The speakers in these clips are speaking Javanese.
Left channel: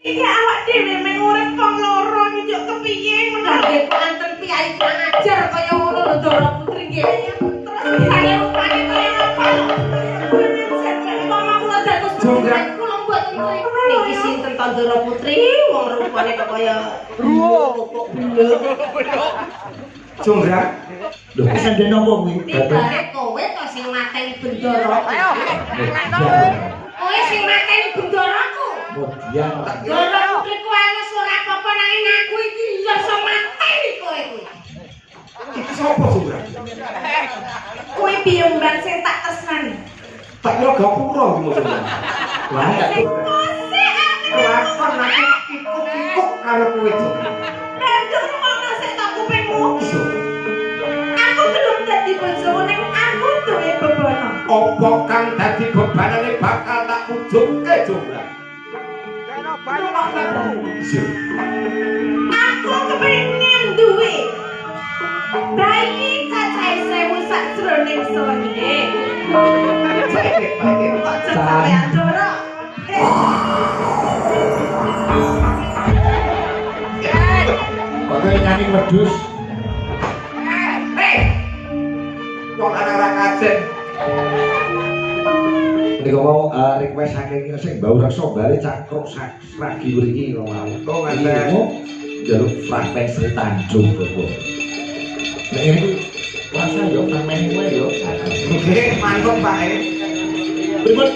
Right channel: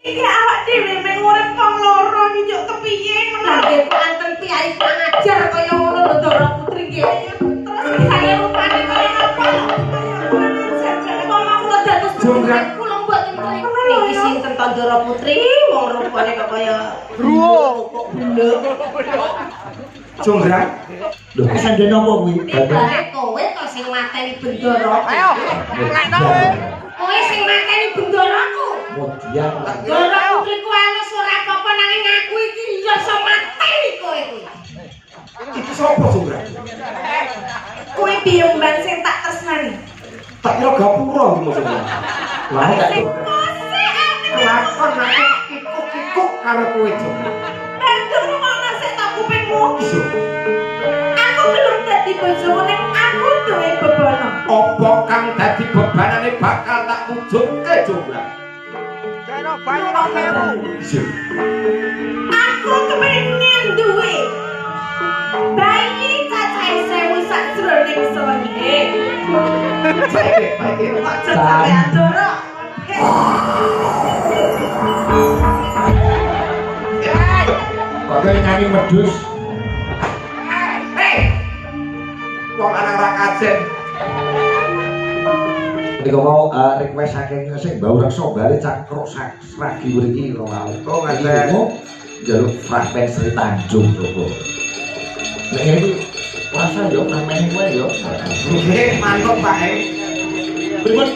Iki awak dhewe mung urip wong loro iki yo kepiye Kaget anten piyai ngajar kaya ngono Ndara Putri nggih. Terus kaya rupane kaya apa? Jonggrang kula mboten kowe. Iki sinten to Ndara Putri? Wong rupane kok kaya kok Jonggrang. Lho, sandene apa kuwi? bare kowe to sing mateni Bendara. Ayo, kowe sing mateni Bendaraku. Kemudian Ndara Putri ku ana surat apa nang aku iki ya iso mateni kowe kuwi. Iki sapa Jonggrang? kowe bimbang sing tak tresnani. Tak kira gapura iki maksudnya. Lah tak lakon aku kikuk-kikuk karo kowe Jonggrang. Banjur ngono sik tak kupingmu. Aku belum dadi bojomu ning aku duwe bebono. Apa kang dadi bebanane bakal tak ujungke Jonggrang. Aku kepengin duwe bayi cacahe 1000 sakjroning sonde. Aja sampean Ndara. oke nyanyi medus. Wong anak-anak kajen. Nek mau request saking sing mbau reksa bali cangkruk sragi mriki ora. Oh, ngaten. Jaluk frapen Sri Tanjung kok. Nek ngene iki rasa yo namene kowe yo. Nggih, mantep Pak. Pripun?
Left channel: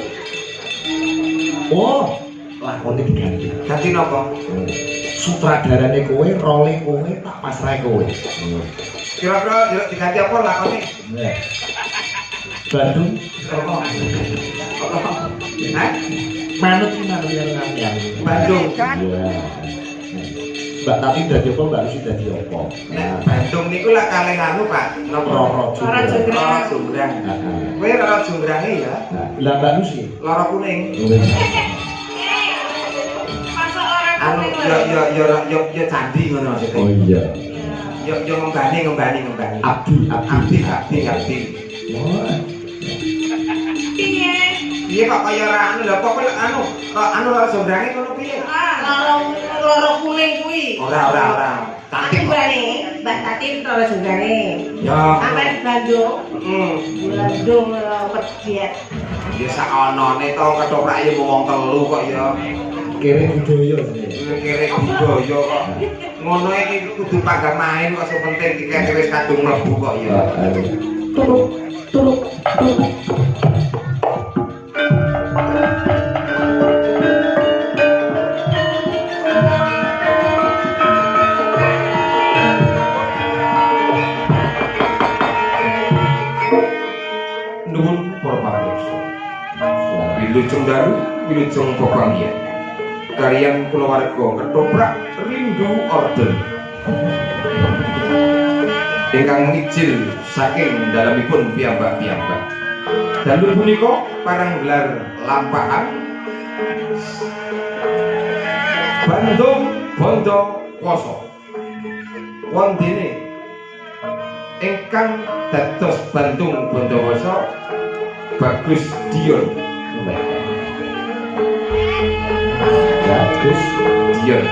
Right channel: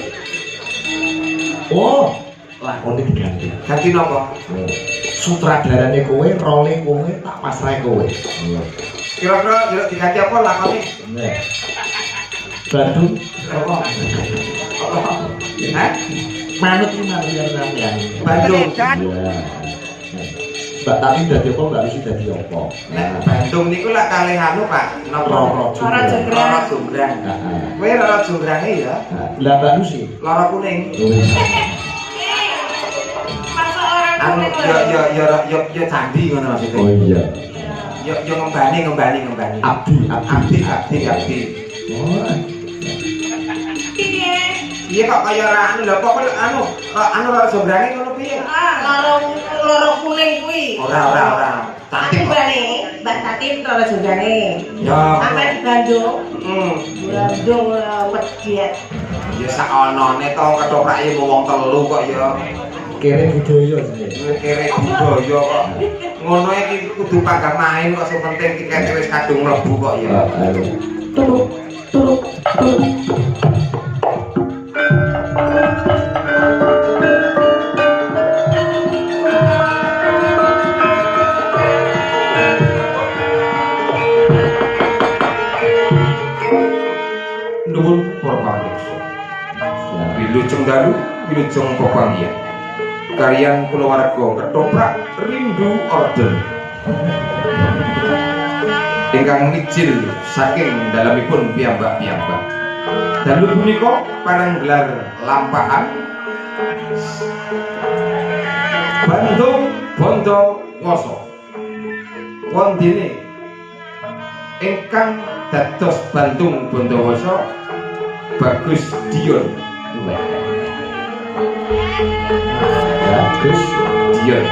Oh, lakone diganti. Ganti napa? Sutradarane kowe, role kowe tak pasrahe kowe. Kira-kira diganti apa lakone? Nek Bandung Apa? Hah? manut iki marian sampeyan. Bandung. Iya. Mbak tapi dadi apa Mbak mesti dadi apa? Nek Bandung niku lak kalih anu Pak, napa? Ora Jonggrang. Lara Jonggrang. Kowe lara Jonggrang ya? Lah Mbak Lucy. Lara kuning. Masa orang Anu yo candi ngono maksudnya. Oh iya. Yo ngembani. Abdi. Oh. piye? Iya kok kaya ora anu lho kok anu lara Jonggrang ngono piye? Loro kuning kuwi. Ora. Tapi bali Mbak Tati ora jongane. Ya. Sampeyan Bandung. Bandung wedhet. Ya sak onone to kethoprake wong telu kok ya. Kere budaya jenenge. Kere budaya kok. Ngono iki kudu pagam main kok sing penting tikete wis kadung mlebu kok ya. Tuluk. Nuwun para pamirsa. Wilujeng dalu, wilujeng pepanggihan. Karyan kulawarga ketoprak rindu orden. Ingkang mijil saking dalamipun piyambak-piyambak. Dalu punika panenggelar lampahan Bandung Bondo Woso. Wondene ingkang dados Bandung Bondowoso Bagus Dion. Bagus. Dion.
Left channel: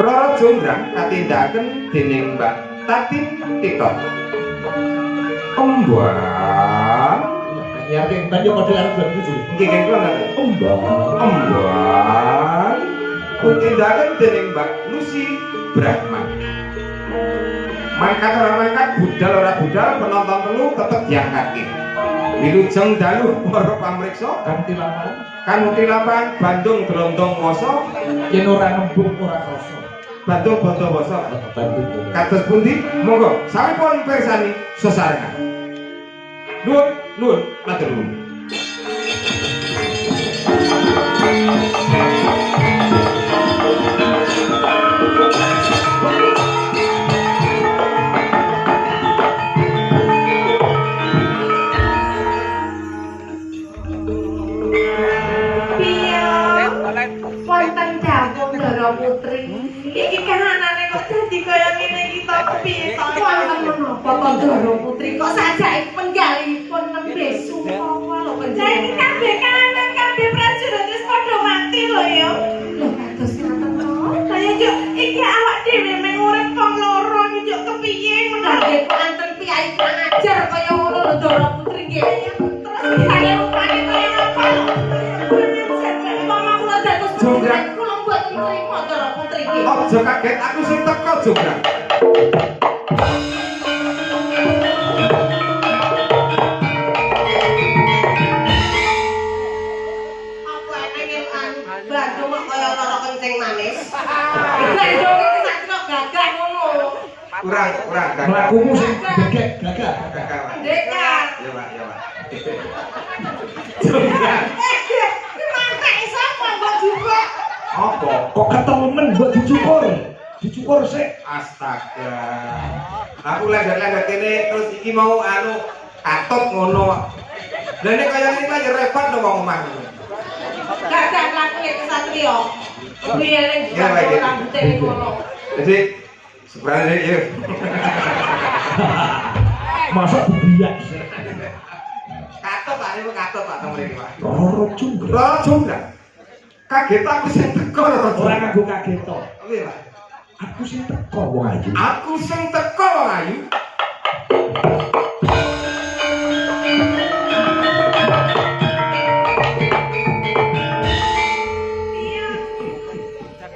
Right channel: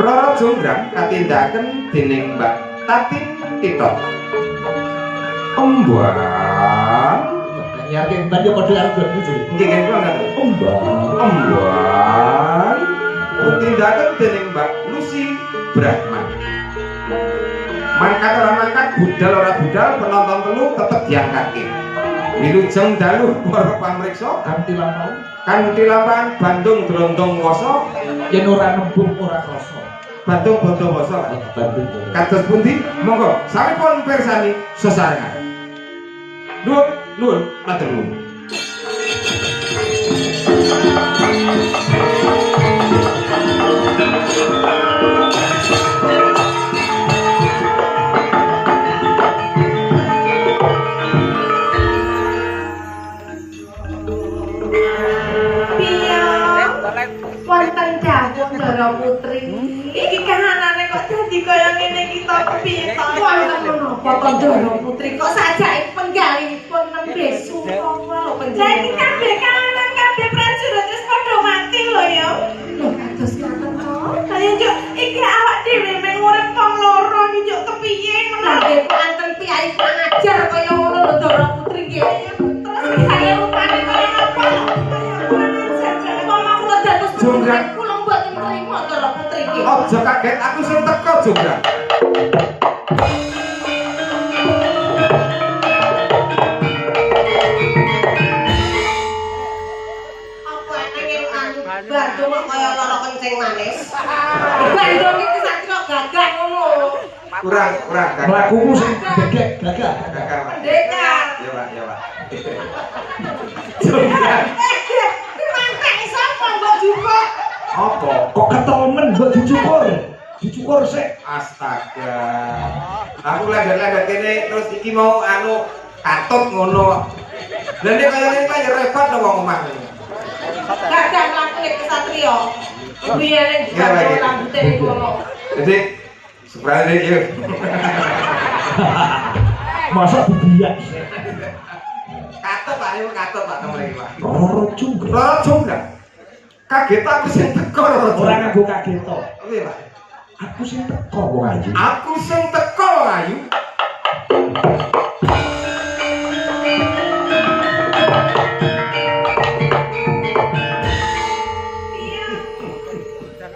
Rara Jonggrang katindakaken dening Mbak Tatin Tito. Ombang. Yakin tadi kode arep bagus. Nggih nggih kula. Ombang. Tindakan dening Mbak Lucy Brahman. Mangkat ora mangkat, budal ora budal, penonton telu tetep diangkatke. Wilujeng dalu para pamriksa kanthi lampahan Bandung Brondong Woso, Yen ora nembung ora krasa. Bandung Bondo Woso. Kados pundi? Monggo sampun pirsani sesarengan. Nuwun, matur nuwun. Wonten dawuh Ndara Putri. Iki kahanane kok dadi kaya ngene iki to piye to wonten menapa to Ndara Putri kok sajake penggalipun nembe sumpah lho penjara. Saiki kabeh kahanan kabeh prajurit wis padha mati lho ya. Lho kados Nggih. Terus saya rupane kaya apa? Jonggrang. Kula mboten trima Ndara Putri iki. Aja kaget aku sing teko Jonggrang. Apa pengen Bandung kok kaya lara kencing manis. Bandung iki sakno gagah ngono. Kurang gagah. Melakumu sing gagah. Gagah. Pendekar. Ya Pak, ya Pak. Jonggrang. Mantek sapa mbok juga? Apa? Kok ketelemen mbok dicukur sik. Astaga. Aku lender-lender kene terus iki mau anu katut ngono. Lah nek kaya ngene ya repot to wong omah. Gagah lakune kesatria. Biyane Ya, Pak, ya. rambute iku mau. Jadi sebenarnya ya. Masa bibiak. Katut Pak temen iki Pak. Loro junggrang. Loro Jonggrang. Kaget aku sing teko loro Ora Jonggrang. nganggo kaget to. Piye Pak? Aku sing teko wong ayu. Aku sing teko wong ayu.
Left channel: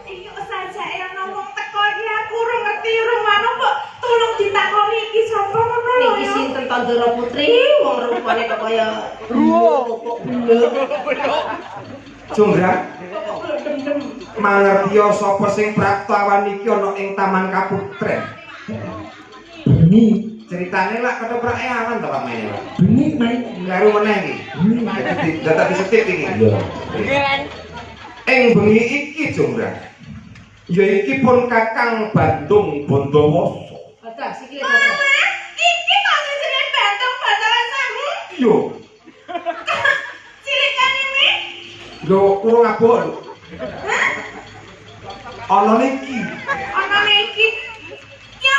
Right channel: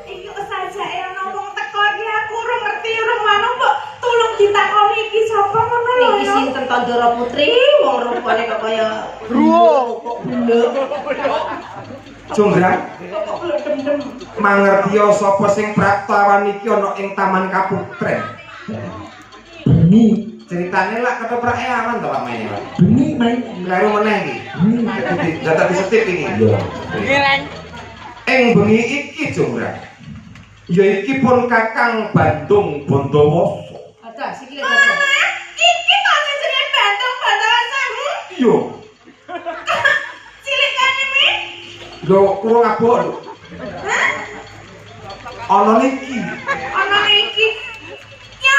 Iki sajake ana wong teko iki aku ora ngerti urung manut kok tulung ditakoni iki sapa ngono lho. Iki sinten to Ndara Putri, wong rupane kok kaya kok blek. Jonggrang. Kok dem-dem. Mangertiya sapa sing praktawan iki ana ing Taman Kaputren. Bengi, Ceritane lak ketoprak aman to pamane. bengi main. Kleru meneh iki. Dadi data disetip iki. Lho. Ing bengi iki Jonggrang. Ya iki pun Kakang Bandung Bondowoso. Ada sikile ada. Iki masih jeneng Bandung Bandaransangu. Yo, Cilik kene iki. lho kurang abot lho. Ana niki. Ana iki. Yo,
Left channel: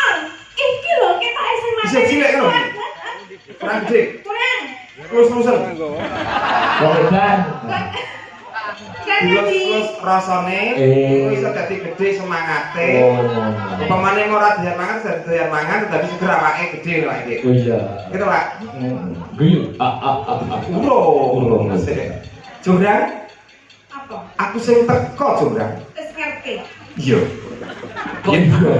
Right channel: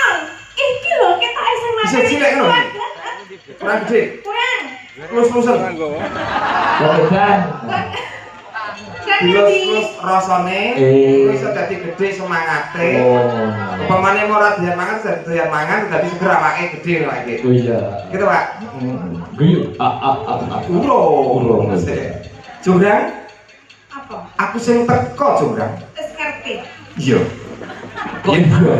iki lho ketoke sing mati. Bisa cilik lho. Kurang gede. Kurang. Terus-terusan. Kan. Terus rasane bisa dadi gede semangate. Oh. Upamane ora doyan mangan, doyan mangan dadi seger awake gede lho iki. Iya. Gitu, Pak. Guyu. Urung. Jonggrang, Apa? aku sing teko Jonggrang. Wis ngerti. Iya. Iya.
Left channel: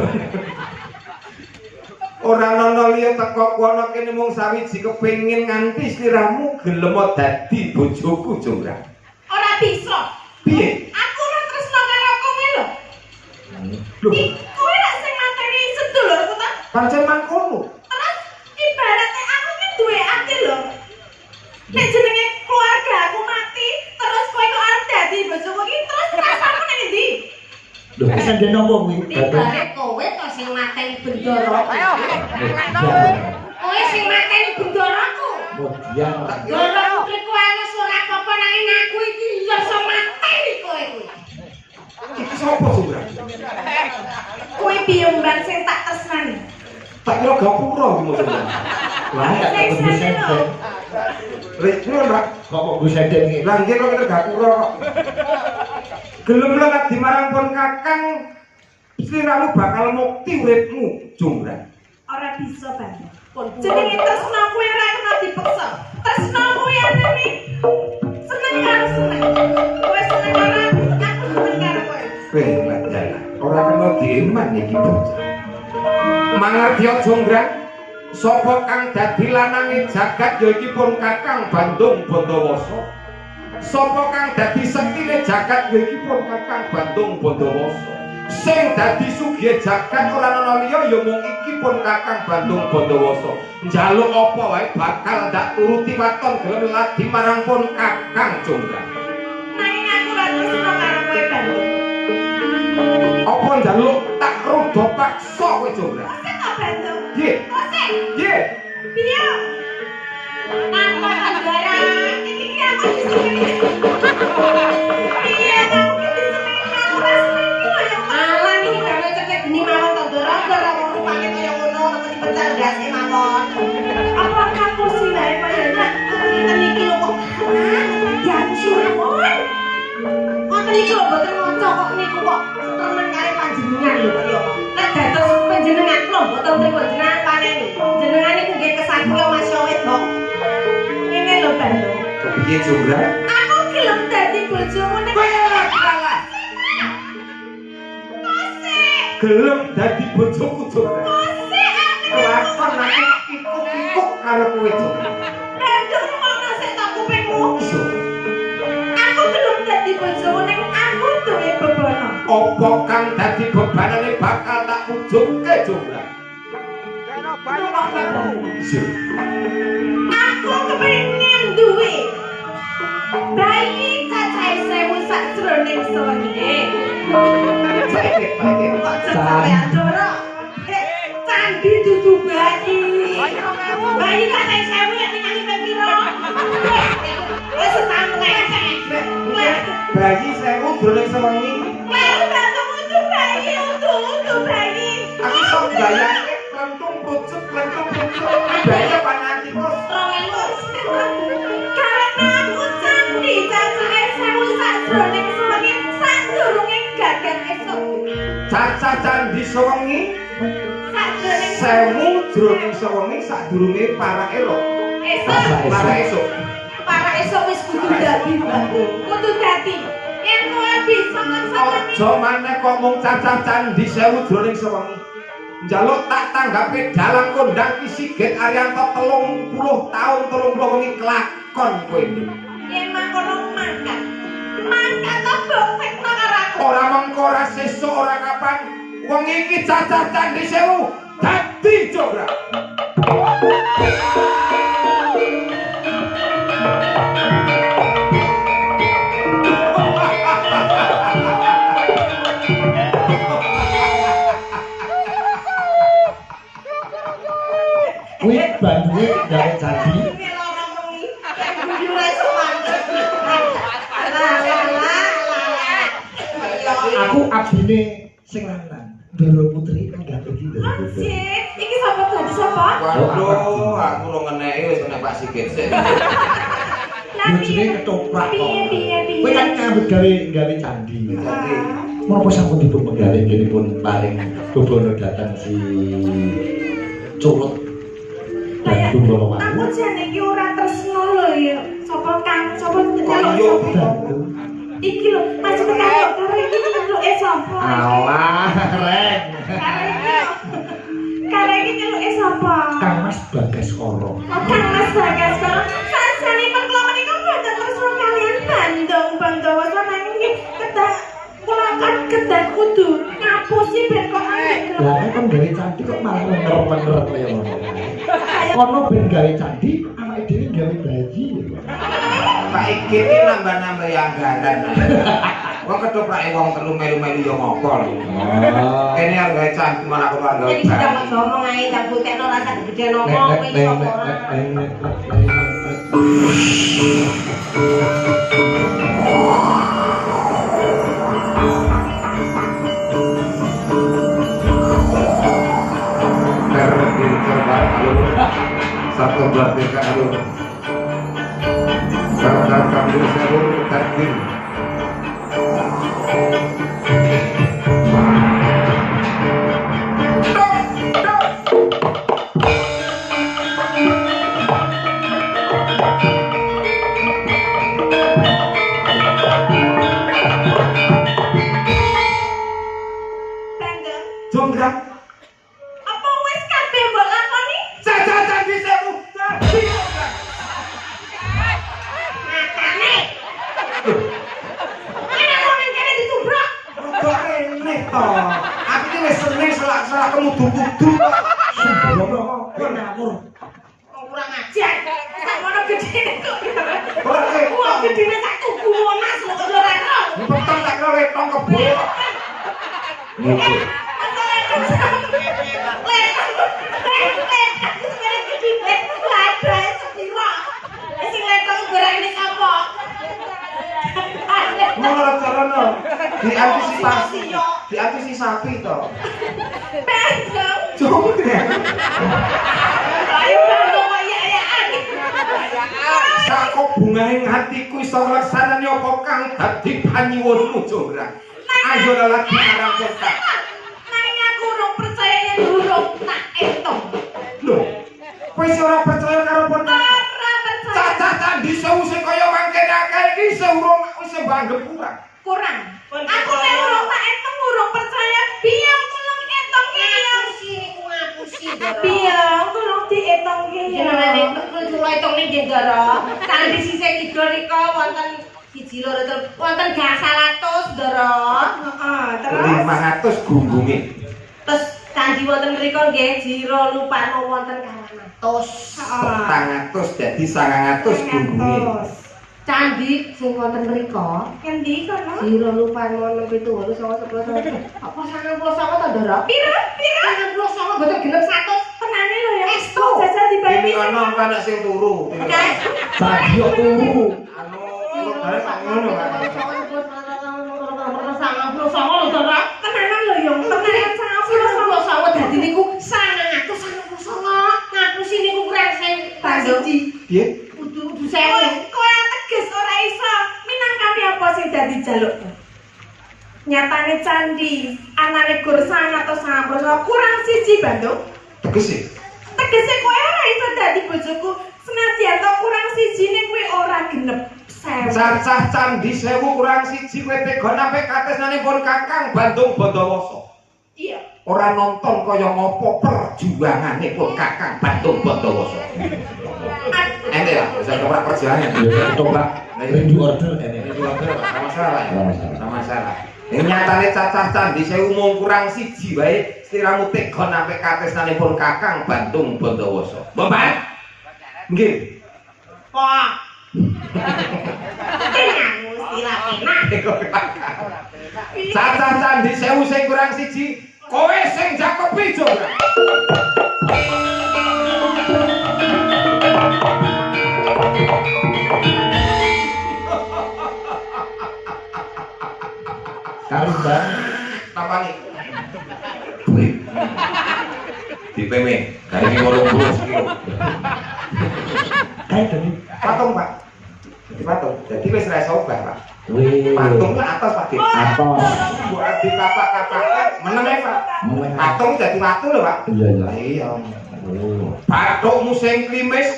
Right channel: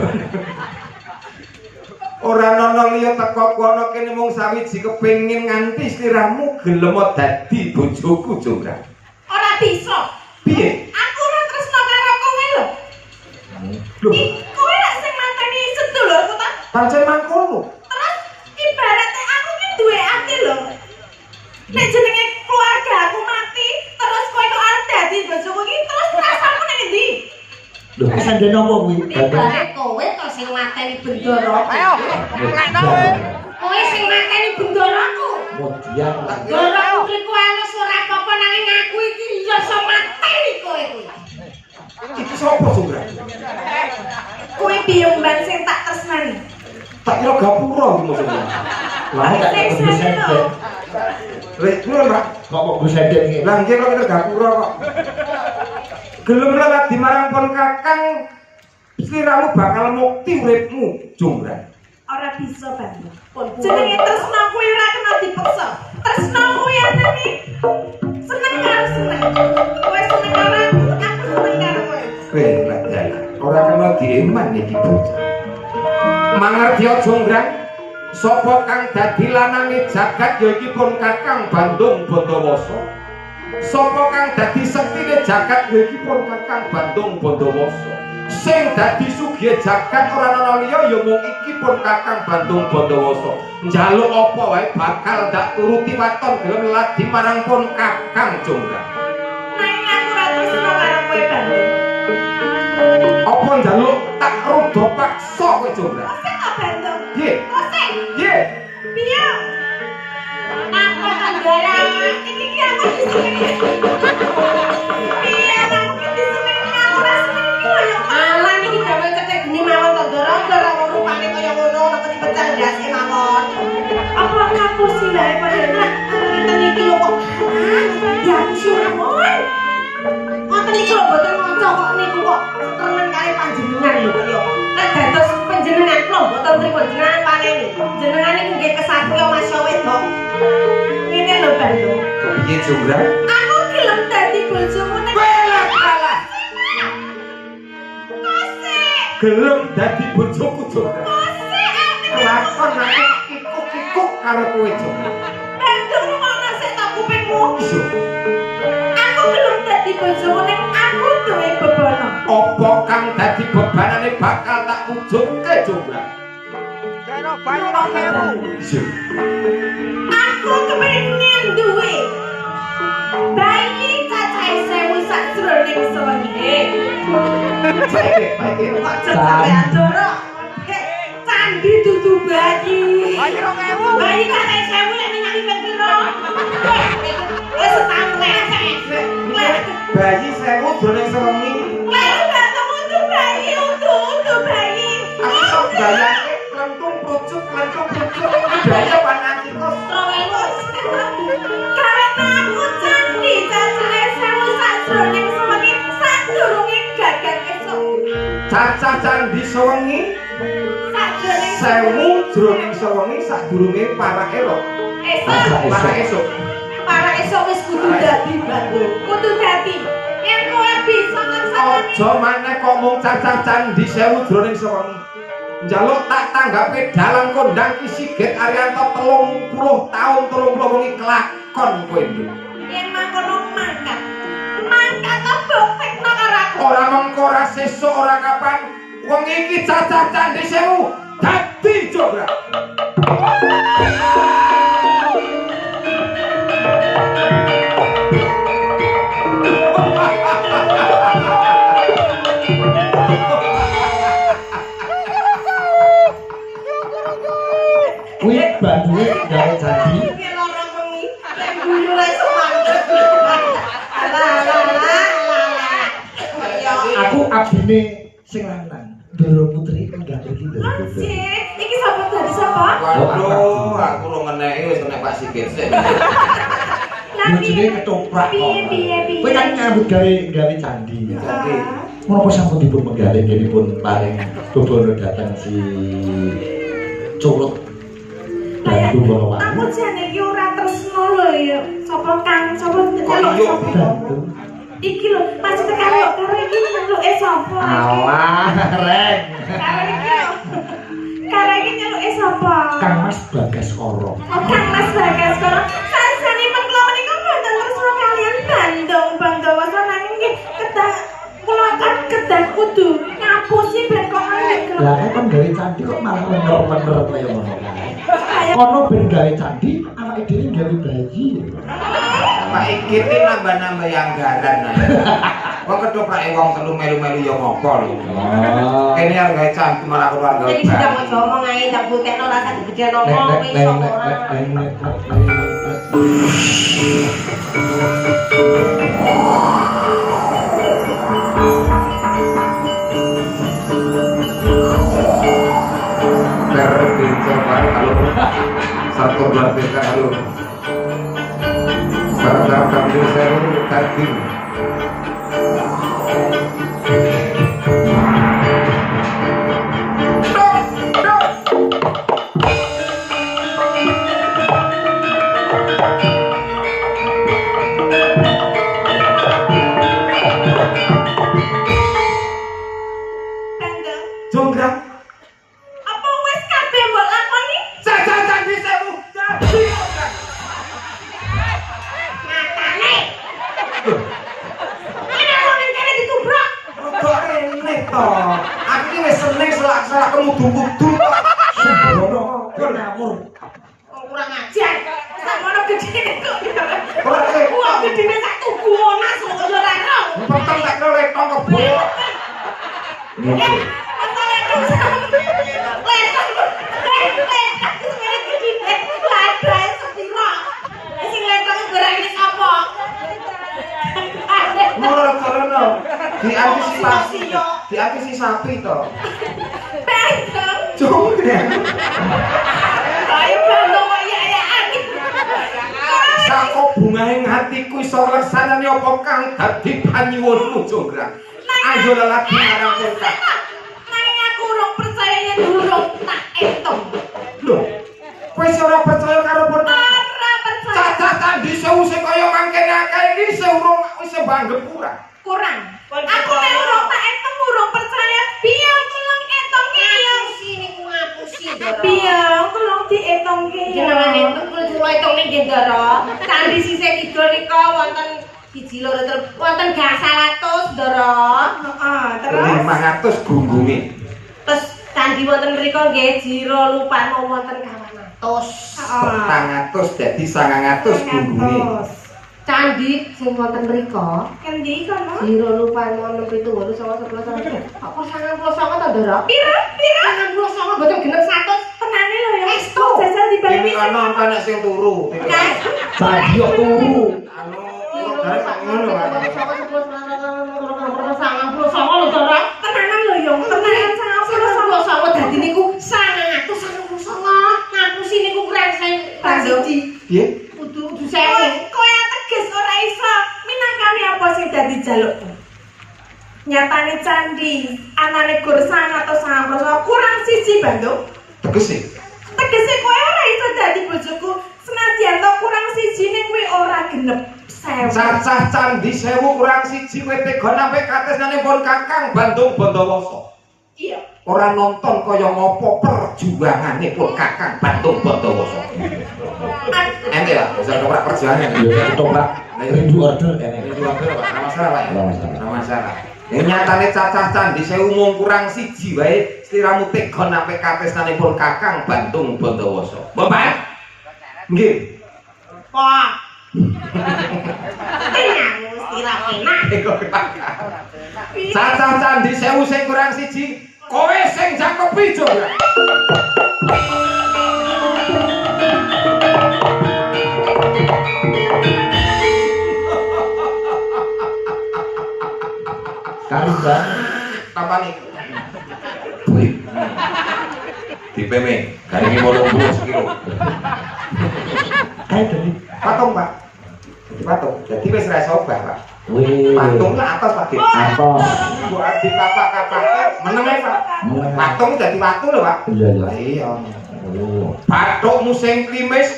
Ora ana liya teko kono kene mung sawiji kepengin nganti sliramu gelem dadi bojoku Jonggrang. Ora bisa. Piye? Aku ora tresno karo kowe lho. Lho, Kowe nek sing mateni sedulurku ta. pancen mangkono. Terus ibaratnya aku kan duwe ati lho. Nek jenenge keluarga aku mati, terus kowe kok arep dadi bojoku iki, terus rasamu ning ndi? Lho, sandene apa kuwi? Ibare kowe to sing mateni bendoro. Kowe sing mateni bendoroku. Kemudian Ndara Putri ku alus ora apa-apa nanging aku iki ya iso mateni kowe kuwi. Iki sapa Jonggrang? Kowe biyemban sing tak tresnani. Tak kira gapura iki maksudnya. lah gak Sing ketemu seneng lho. senden. Lek ngono ra? Kok Bu senden iki? Lah nggih kok gapura kok. Gelem lewat di marang pun Kakang sliramu bakal mukti uripmu Jonggrang. Ora bisa banget. Pun Jenenge tresno kuwi ora kena dipaksa. Tresno kuwi anane seneng karo seneng. Kowe seneng karo aku, aku seneng karo kowe. Weh, Pak Jana. Ora kena dieman iki bocah. Mangertiya Jonggrang, sapa kang dadi lanange jagat ya iki pun Kakang Bandung Bondowoso. Sapa kang dadi sektine jagat ya iki pun Kakang Bandung Bondowoso. Sing dadi sugih jagat ora ana liya ya mung iki pun Kakang Bandung Bondowoso. Njaluk apa wae bakal ndak turuti waton gelem ladi marang pun Kakang Jonggrang. Nanging aku ora tresno karo kowe Bandung. Apa njaluk tak rudo paksa kowe Jonggrang? Sing tak Bandung. Nggih, Sing nggih. piye? Aku andara iki aku disenengi. Piye aku disenengi aku ora seneng kowe. Alah niki gawe cecek geni mawon to Ndara, ora rupane kaya ngono ora mesti bercandase mawon. Apa kamu sih dari panjenengan? Ngeten iki lho kok. Ya suwun. Ngoten iki lho mboten maca kok niku kok temen kare panjenengan lho ya. Nek dados panjenengan lho mboten trimo jenengan paneni. Jenengan niku nggih kesatria Mas Wedok. Jonggrang. Aku gelem dadi bojomu nek Kalah. Kosek. Gelem dadi bojoku Jonggrang. Kosek ati. Kelakon aku kikuk-kikuk karo kowe Jonggrang. Bantu ngono sik tak kupingmu. Aku gelem dadi bojomu nek aku duwe bebono. Apa kang dadi bebanane bakal tak ujungke Jonggrang. Aku kepengin duwe bayi cacahe 1000 sajroning sewengi. Aja sampean dorok. Candi dudu bayi. Bayi cacahe 1000 nek nyali piro? Wis setahun nek. Bayi 1000 jroning sewengi. Wis ketemu tuh bayi utuh bayi. Aku sok bayangke lentung pucuk. Daya panantiku. Karena aku candi cacahe 1000 sajroning sewengi sadurunge gagang esuk. Cacah candi sewengi. Sajroning 1000 jroning sewengi sadurunge parake ro. esuk. Para esuk wis kudu dadi baku. Kudu dadi. Yen kowe bisa nglaksanani. Aja maneh kok mung cacah candi 1000 jroning sewengi. Njaluk tak tanggapi dalan kondang ki Sigit Ariyanto 30 taun 30 wengi kelakon kowe iki. Yen mangkono mangkat. Mangkat kok tekno karo aku. Ora mengko ora sesuk ora kapan wong iki cacah candi 1000 dadi Jonggrang. Kuwi bantuke gawe candi. Aku abdine sing lanang. Doro Putri enggak pergi Doro Putri. Iki sapa dadi sapa? Waduh, aku lu ngeneki wis nek Pak Sigit sik. Bojone ketoprak kok. Piye. Kowe kan nyambut gawe candi. Jadi Menapa sampun dipun menggalih nggihipun paring bobono dateng si Curut. Bantu Bono Aku Wangu. jane iki ora tresno lho ya. Sapa Kang? Sapa Iya, Bantu. Iki lho, maksudnya karo iki nyeluke sapa? Alah, Reng. Karo iki nyeluke sapa? Kang Mas Bagaskara. Oh, Kang Mas Bagaskara. Sasanipun kula menika boten tresno kalian Bandung samangke nggih kedah kula kan kedah kudu ngapusi ben kok angel. Lah kan gawe candi kok malah lenger-lenger kaya ngono. Ono ben gawe candi, anake dhewe gawe bayi. Pak Igit iki nambah-nambah anggaran. Kok ketopake wong telu melu-melu ya ngopo lho. Kene arep gawe candi malah keluarga. Jadi sudah mau ngomong aja, tak buktikan rasa kerja ngomong, wis ora. Satu dua tiga aduh. Sekarang kami saya tadi. Jonggrang. Apa wis kabeh mbok lakoni? Cacah candi 1000 dadi Jonggrang. Makane. Ana kok ning kene ditubruk. Kok rene to. Aku iki wis seneng selak-selak kemudu-mudu kok. Sembrono kok ngawur. Kurang ajar. Sakmono gedene kok. Ora Wah, gedene sak tuku onas kok ora ero. Peteng tak karo letong kebo. Diantisipasi to. Jonggrang. Saka bungahing hatiku iso ngersanani apa kang dadi panyuwunmu Jonggrang. Ayo lelaki marang kowe. Nanging aku ora percaya yen durung tak etong. Lho, kowe ora percaya karo pon. Ora percaya. Cacah candi sewu sing kaya mangkene akeh iki seurung wis banggep kurang. Kurang. Aku nek urung tak etung urung percaya. Biar tolong etung iki. Sini ku ngapusi Ndara. Biar tolong dietong iki. Jenengane kudu etongne nggih Ndara. Candi sisih kidul rika wonten siji loro terus wonten gangsal atus Ndara. Heeh, terus 500 gunggunge. Terus candi wonten mriku nggih jiro lupano wonten 200. 400 dadi 900 gunggunge. Candi sing wonten mriku Kendi kono? jiro lupano 67 11 apa 99 ta Ndara? Pira? 99 boten genep 100. Tenane lho ya. Estu. Jajal Ini dibagi. kono ana sing turu. Tadi yo turu. Anu, arep ngono. Tenanan lho yo. Tenanan sangat Dadi niku 199 ngapusi niku kreseng siji. Piye? kudu Kowe sewu. ateges ora iso minangkane apa sing dadi jalukmu. Nyatane candi anane gur 199 kurang siji Bandung. Tegese. Tegese kowe ora iso dadi bojoku senadyan to kurang siji ning kuwi ora genep 1000. Cacah candi sewu kurang siji kowe tega sampe katesane pun Kakang Bandung Bondowoso. Iya. Ora nonton kaya ngopo perjuangane pun Kakang Bandung Bondowoso. Ente ya, bisa ora kerjaan. Yo ketoprak. Rindu order Ini ini. juga sama masalah ya. Sama masalah. Sama masalah. Ini nyatane cacah candi sewu mung kurang siji wae sliramu tega sampe katesane pun Kakang Bandung Bondowoso. Bapak. Nggih. Wah. Cacah candi sewu sing kurang siji, kowe sing jakepi juga. Karisan. Kapani. Wih. Di PM, dari 50 kilo. Ayo tadi. Patung, Pak. Jadi patung. Jadi wis ra iso obah, Pak. Wih. Patung lah atas Pak. Apa? Buat di kapak-kapaknya menengah Pak. Menengah. Patung jadi watu lho Pak. Iya, iya. Iya. Oh. Patung musim klimis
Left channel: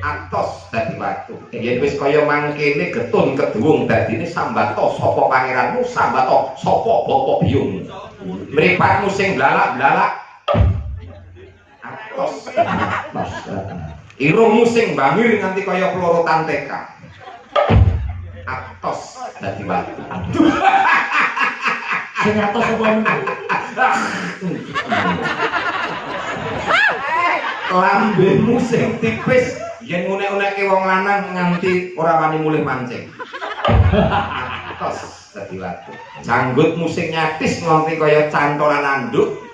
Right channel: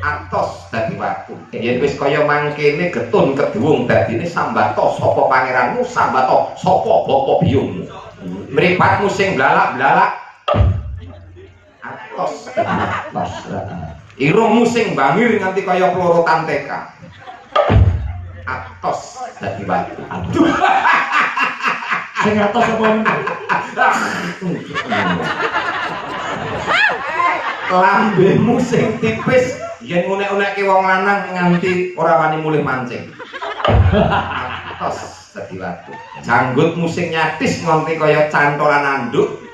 atos dadi watu. Yen wis kaya mangkene getun keduwung dadine sambato sapa pangeranmu, sambato sapa bapa biyungmu. Mripatmu sing blalak-blalak atos Atas. irungmu sing bangir nganti kaya pelorotan TK. Atos dadi watu. Aduh. Sing atas apa meneh? Lambemu sing tipis yen ngunek-unekke wong lanang nganti ora wani mulih mancing. Atos dadi watu. Janggutmu sing nyatis nganti kaya cantolan anduk.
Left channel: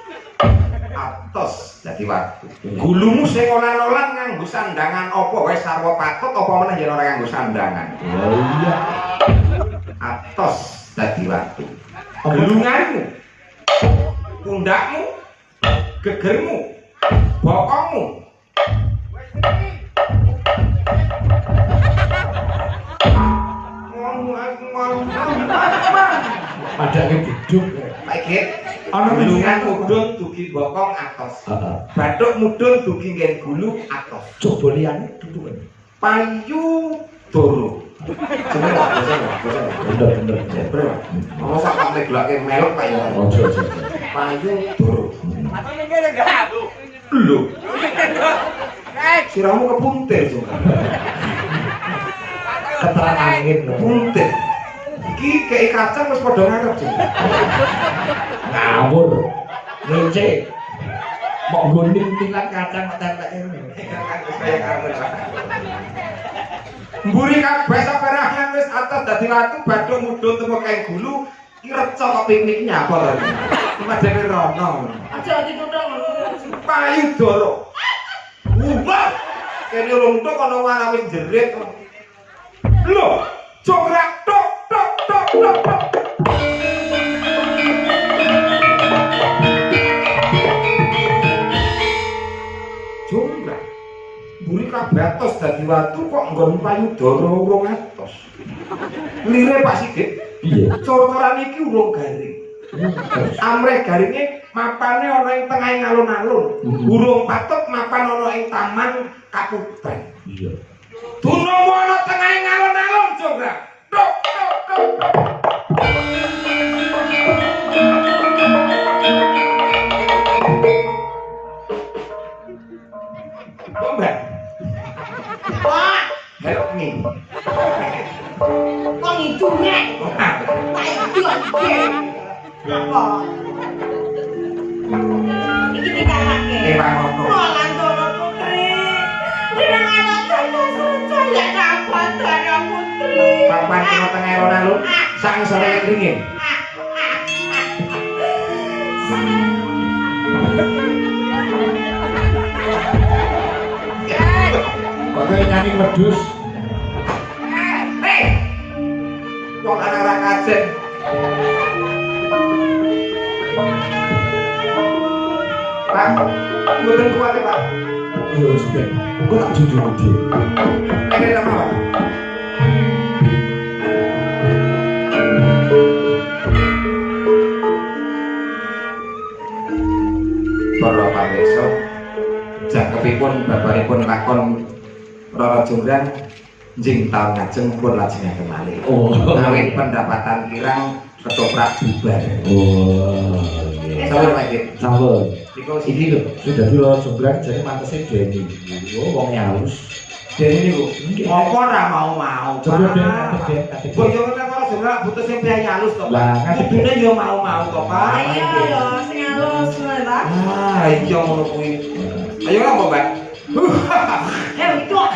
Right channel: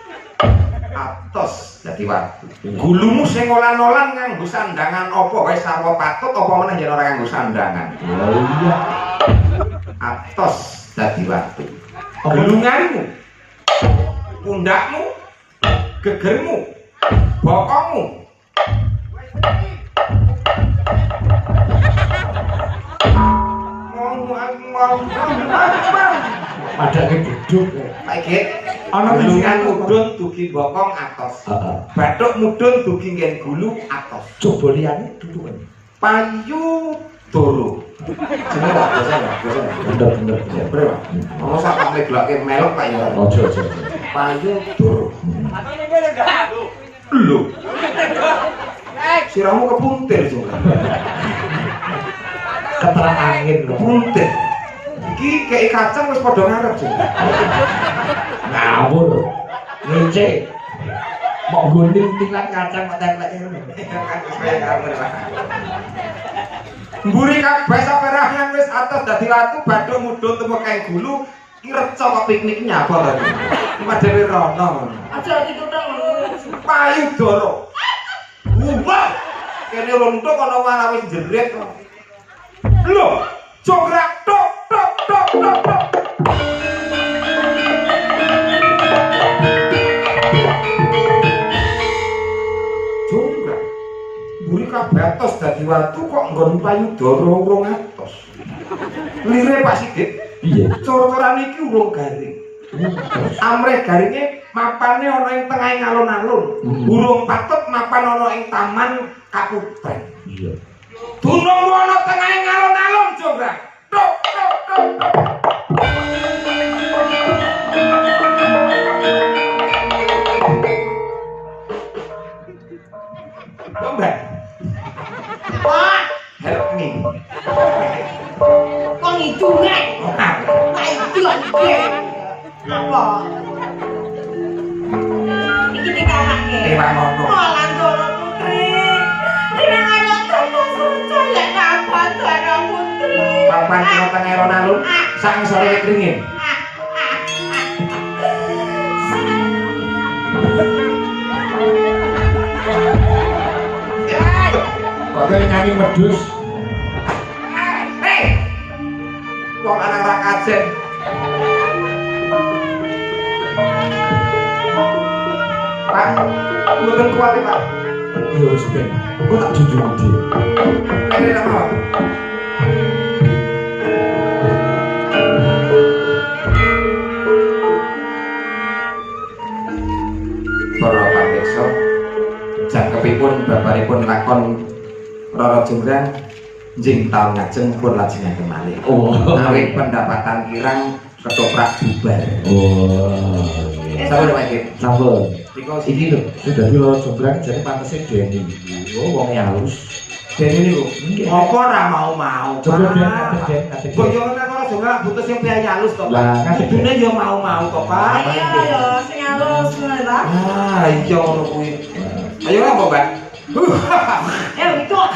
Atos dadi watu. Gulumu sing olan-olan nganggo sandangan apa wae sarwa patut apa meneh yen ora nganggo sandangan. Oh iya. Atos dadi watu. Gelunganmu, pundakmu, gegermu, bokongmu. Ada gedung. Saiki gelungan mudhun dugi bokong atos. Heeh. Bathuk mudhun dugi nggen gulu atos. Coba liyane dulu. Payu doro. Jenenge apa? Bener bener. Bener. Ono sak mleblake melok Pak ya. Ojo ojo. Payu doro. Lho. Siramu kepuntir juga. Keteran angin lho. Puntir. Iki kei kacang wis padha ngarep juga. Ngawur. Ngece. Mau guling tingkat kacang tempel ini. Mburi kabeh saperangan wis atos dadi watu bathuk mudhun temu kae gulu iki reca kok pikniknya apa lho. Cuma dhewe rono. Aja dikutang lho. Payu doro. Wah. Kene rontok ana warawis jerit. Lho, jograk tok tok tok tok tok. Jograk. Mburi kabeh atos dadi watu kok nggon payu doro urung atos. Lire Pak Sigit. Piye? Cororan iki urung garing. Amrih garinge mapane ana ing tengahing alun-alun. Burung patut mapan ana ing taman Kapupren. Iya. Dunung ana tengahing alun-alun Jograk. Tok tok tok tok. Mbak, Wah, help me. kok ngidungan. Ora. Kayak dion ge. Apa? Iki dikakake. Ora ngono. Malah Dara Putri. Dengan terus suci ya kapan Dara Putri. Kapan kena teng alun-alun sang sore kringin. Oke, nyanyi medus. Wong anak-anak kajen. Pak, mboten kuat Pak. Ya wis ben. Kok tak junjung dia. Ini apa? Para pamirsa, jangkepipun babaripun lakon Rara Jonggrang njing taun ngajeng pun lajengaken malih. Oh. Awit pendapatan kirang ketoprak bubar. Oh. Sabar Pak Dik. Sampun. Diko Ini lho, sudah di luar Jograk jadi pantesnya Denny. Oh, wong halus. Dene niku. Nggih. Apa ora mau-mau? Coba Den, ngatek Den. Boyongan nang Rara Jonggrang butuh sing piye halus to. Lah, ngadepine yo mau-mau kok, Pak. Ayo lho, sing halus wae ta. Ah, iya ngono kuwi. Ayo apa, Mbak? Ya, kok